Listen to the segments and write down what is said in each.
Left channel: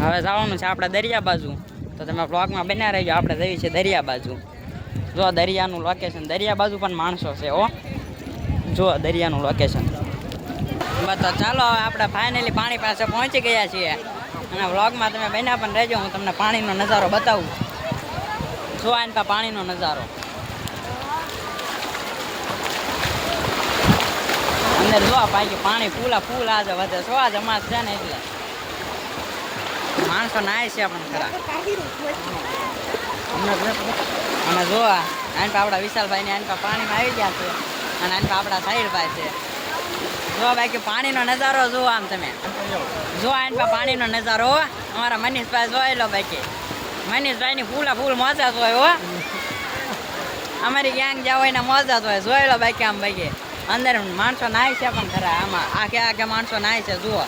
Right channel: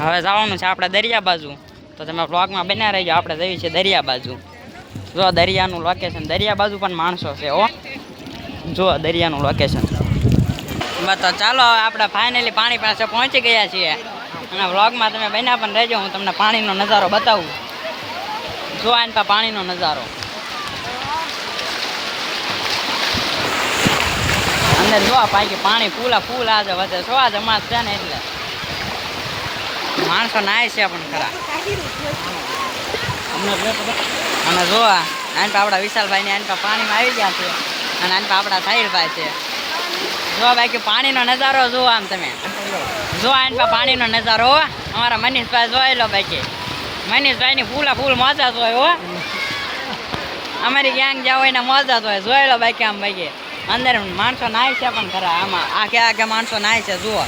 હવે જવાનું છે આપણે દરિયા બાજુ. તો તમે બ્લોગમાં બન્યા રહેજો, આપણે જઈએ છીએ દરિયા બાજુ. જો દરિયાનું લોકેશન દરિયા બાજુ પણ માણસો છે ઓ જો દરિયાનું લોકેશન તો ચાલો આપણે ફાઇનલી પાણી પાસે પહોંચી ગયા છીએ. અને વ્લોગમાં તમે બન્યા પણ રહેજો, હું તમને પાણીનો નજારો બતાવું. જો આને પાણીનો નજારો. અંદર જો પાકી પાણી ફૂલા ફૂલ આજે વધે છો. આજે જમા છે ને એટલે. માણસો નાય છે પણ ખરા. અને જોવા આને તો આપણા વિશાલભાઈ ને આને પાણીમાં આવી ગયા છે. અને આને તો આપણા સાહિલભાઈ છે. ભાઈ બાકી પાણીનો નજારો જુઓ આમ તમે. જો આને પા પાણીનો નજારો. અમારા મનીષભાઈ જોઈ લો બાકી. મનીષભાઈની ફૂલા ફૂલ મોજા જોયો અમારી ગેંગ જાવ હોય ને મોજા જ હોય. જોઈ લો બાકી આમ બાકી. અંદર માણસો નાય છે પણ ખરા આમાં આખે આખે માણસો નાય છે, જુઓ.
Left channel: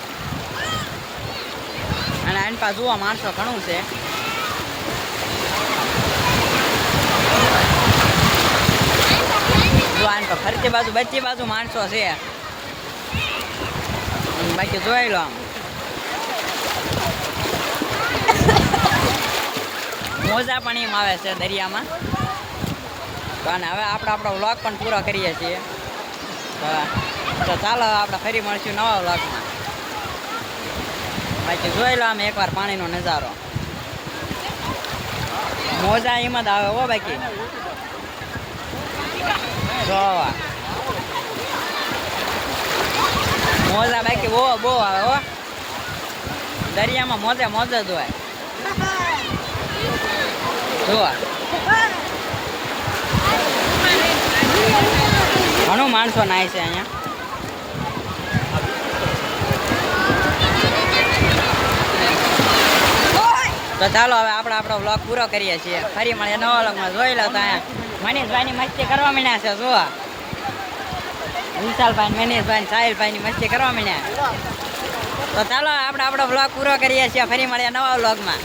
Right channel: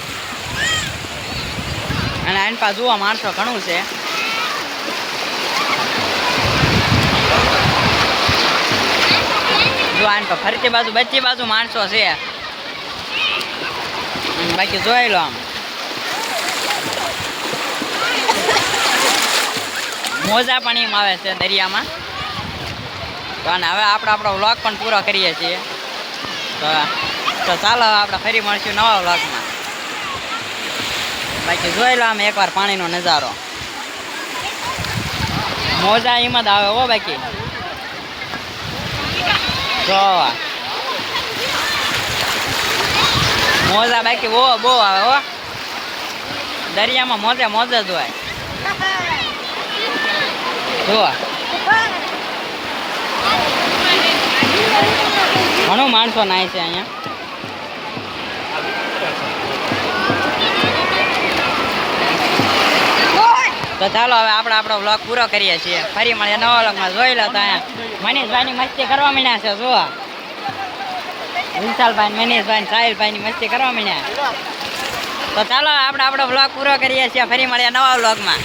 અને એની પાસે જુઓ, માણસો ઘણું છે. ફરતી બાજુ બચી બાજુ માણસો છે. બાકી જોઈ લો આમ. મોજા પણ એમ આવે છે દરિયામાં. તો અને હવે આપણે આપણો વ્લોગ પણ પૂરો કરીએ છીએ. તો ચાલો આપણે ફરી મળશું નવા વ્લોગમાં. બાકી જોઈ લો અમે એકવાર પાણીનો નજારો. મોજા એમાં જ આવે હો બાકી. જોવા. મોજા બાકી બહુ બહુ આવે હો. દરિયામાં મોજે મોજે જ હોય. જુઓ ઘણું માણસો નાય છે અહીંયા. તો ચાલો હવે આપણે આપણો વ્લોગ પૂરો કરીએ છીએ. ફરી મળીએ નવા વ્લોગમાં જોઈ લો તો અહીંયા. મનીષભાઈની મસ્તી કરવા મળ્યા છે, જુઓ. વિશાલભાઈ, મનીષભાઈ, સાહિલભાઈની મસ્તી કરવા મળ્યા તો ચાલો આપણે આપણો વ્લોગ પૂરો કરીએ છીએ. ફરી મળીએ નવા વ્લોગમાં